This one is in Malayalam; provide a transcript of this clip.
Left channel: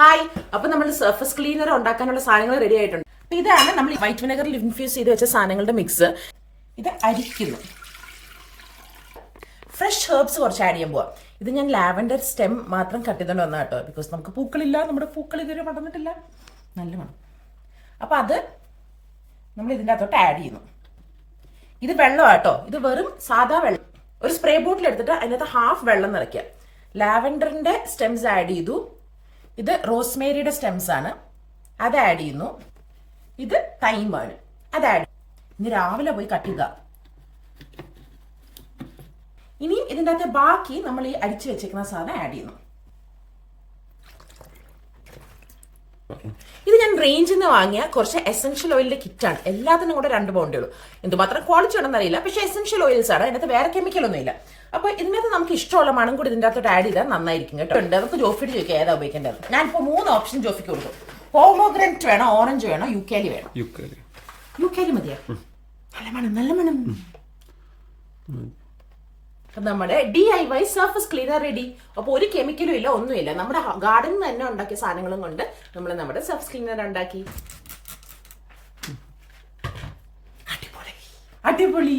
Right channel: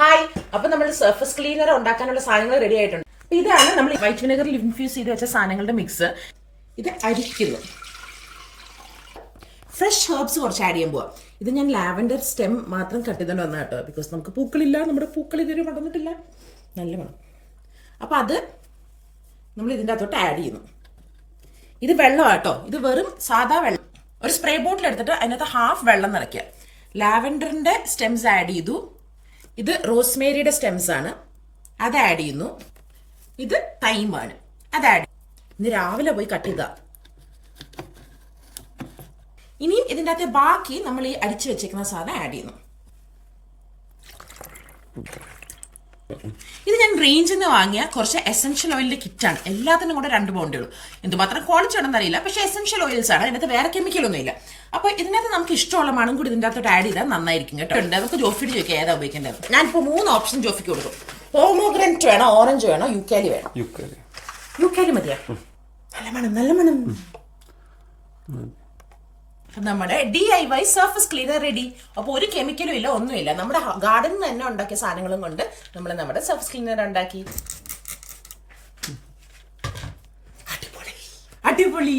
ഹായ്, അപ്പൊ നമ്മൾ സർഫസ് ക്ലീനർ ഉണ്ടാക്കാനുള്ള സാധനങ്ങൾ റെഡി ആയിട്ടുണ്ട്. ഇതാണ് നമ്മൾ വൈറ്റ് വിനെഗറിൽ ഇൻഫ്യൂസ് ചെയ്ത് വെച്ച സാധനങ്ങളുടെ മിക്സ്. ഇത് അരിക്കരുത്. ഫ്രഷ് ഹെർബ്സ് കുറച്ച് ആഡ് ചെയ്യാൻ പോവാം. ഇത് ഞാൻ ലാവൻഡർ സ്റ്റെം മാത്രം കട്ട് ചെയ്തുകൊണ്ട് വന്ന കേട്ടോ, ബിക്കോസ് നമുക്ക് പൂക്കളില്ല, നമ്മുടെ പൂക്കൾ ഇതുവരെ മടന്നിട്ടില്ല. നല്ല മണം. അപ്പൊ അത് നമ്മൾ ഇതിൻ്റെ അകത്തോട്ട് ആഡ് ചെയ്യുന്നു. ഇത് വെള്ളമാണ് കേട്ടോ, ഇത് വെറും സാധാ വെള്ളം. ഒരു സ്പ്രേ ബോട്ടിൽ എടുത്തിട്ട് അതിനകത്ത് ഹാഫ് വെള്ളം നിറയ്ക്കുക. ലാവൻഡറിന്റെ സ്റ്റെംസ് ആഡ് ചെയ്തു. ഇത് റോസ്മേരിയുടെ സ്റ്റെംസ് ആണ്, അത് ആഡ് ചെയ്യുന്നു. ഇത് തൈമാണ്, അത് ആഡ് ചെയ്യും. ഇന്ന് രാവിലെ പോയി കട്ട് ചെയ്യുക. ഇനിയും ഇതിൻ്റെ അകത്ത് ബാക്കി നമ്മൾ ഈ അടിച്ചു വെച്ചേക്കുന്ന സാധനം ആഡ് ചെയ്യുന്നു. ഇത് ഞാൻ റേഞ്ചിൽ നിന്ന് വാങ്ങിയ കുറച്ച് എസെൻഷ്യൽ ഓയിലിന്റെ കിറ്റാണ്. എല്ലാത്തിനും കൂടെ 2 പൗണ്ടേ ഉള്ളൂ. എന്തുമാത്രം ക്വാളിറ്റി ആണെന്ന് അറിയില്ല, പക്ഷേ എസെൻഷ്യൽ ഓയിൽസ് ആണ്. അതിനകത്ത് വേറെ കെമിക്കൽ ഒന്നും ഇല്ല. അപ്പൊ ഇതിനകത്ത് നമുക്ക് ഇഷ്ടമുള്ള മണം കൂടി ഇതിൻ്റെ അകത്തോട്ട് ആഡ് ചെയ്താൽ നന്നായിരിക്കും കേട്ടോ. നമുക്ക് ജോഫിയുടെ ചോദിക്കാം ഏതാ ഉപയോഗിക്കേണ്ടത്. ഞാനിപ്പോൾ 3 ഓപ്ഷൻ ജോഫിക്ക് കൊടുക്കും. പോമോഗ്രനേറ്റ് വേണോ, ഓറഞ്ച് വേണോ, യുക്കാലി വേണം? യുക്കാലി മതിയാ. നല്ല മണം, നല്ല മണം. നമ്മുടെ DIY സർഫസ് ക്ലീനർ റെഡി. അപ്പോൾ ഒരു കെമിക്കലും ഇല്ല, ഒന്നുമില്ല. നമ്മുടെ ഗാർഡനിൽ തന്നെ ഉണ്ടാക്കിയ സാധനങ്ങളും കൊണ്ട് നമ്മൾ നമ്മുടെ സർഫസ് ക്ലീനർ ഉണ്ടാക്കി. അടിപൊളി.